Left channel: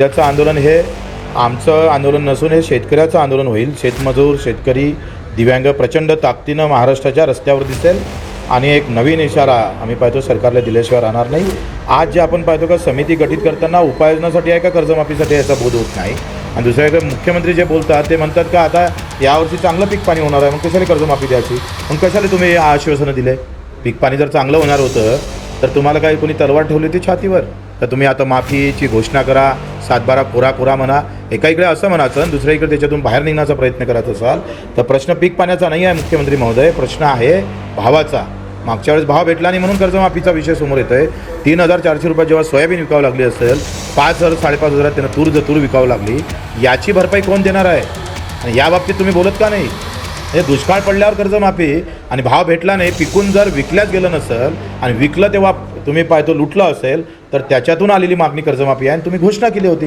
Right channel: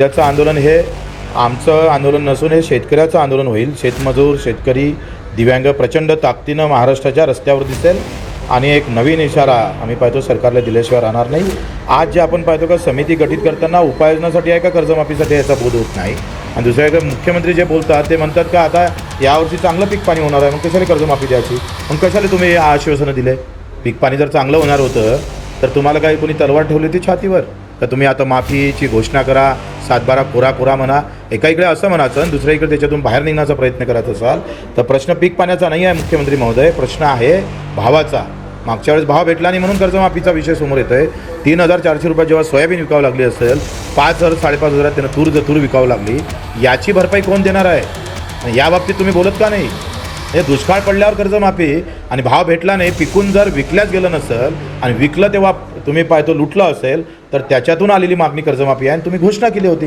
त्याचं आंदोलन हे आमचं आंदोलन नसून हे शेतकऱ्याचं आंदोलन होईल. शेतमजूर शेतकरी दिव्यांग प्रचंड ताकदीनं महाराष्ट्राच्या रस्त्यावर दिसेल. आणि एक नवीन इशारा आम्ही पाहतो सरकारला दिल्याशिवाय राहणार नाही. आज जे आपण पाहतो का समिती गठीत करताना उपाययोजनासाठी आहे का कर्जमाफीसाठी याचा नाही? आणि दुसऱ्या एक मुख्यमंत्री जे बोलतात ते म्हणतात का आता यावर्षी चांगलं पीक पाणी होणार आहे. मग कशाला कर्जमाफी द्यायची? मग कशाला तुम्ही हे आश्वासनं दिले पीक पाणी जर चांगलं होणार होतं तर तुम्हाला काही कोणी तलवार ठेवली होती छातीवर? तर तुम्ही आता माफीची घोषणा करा सातबारा पुरा पुरा म्हणा. एका इकडे असं म्हणायचं दुसऱ्या इकडे त्याच्यातून बाहेर निघण्याचा प्रयत्न करत असाल तर प्रश्न पीक पाण्याचा नाही आहे मुख्यमंत्री महोदय. प्रश्न आहे भावाचा. मागच्या वेळेस भाव भेटला नाही म्हणून कर्जमाफीचा विषय समोर येतोय. तीन हजार चारशे रुपये जेव्हा सोयाबीन विकावं लागली असेल पाच हजार साडेपाच हजारात त्यांना तूर जर तूर विकावं लागली. याची भरपाई कोण देणार आहे? याबाबतीत या बाबतीत तुम्ही बोलत का नाही? हे दुष्काळ पडल्यावर कर्जमाफी आणि भाव भेटला नाही तिथून जर विकलं गेलं नसेल आणि विकलं तेव्हा तुम्ही पाहतो लुटलं असेल तर त्याच्यातून आलेली मागणी कर्जमाफी आहे. आणि तुम्ही घोषणा केली होती.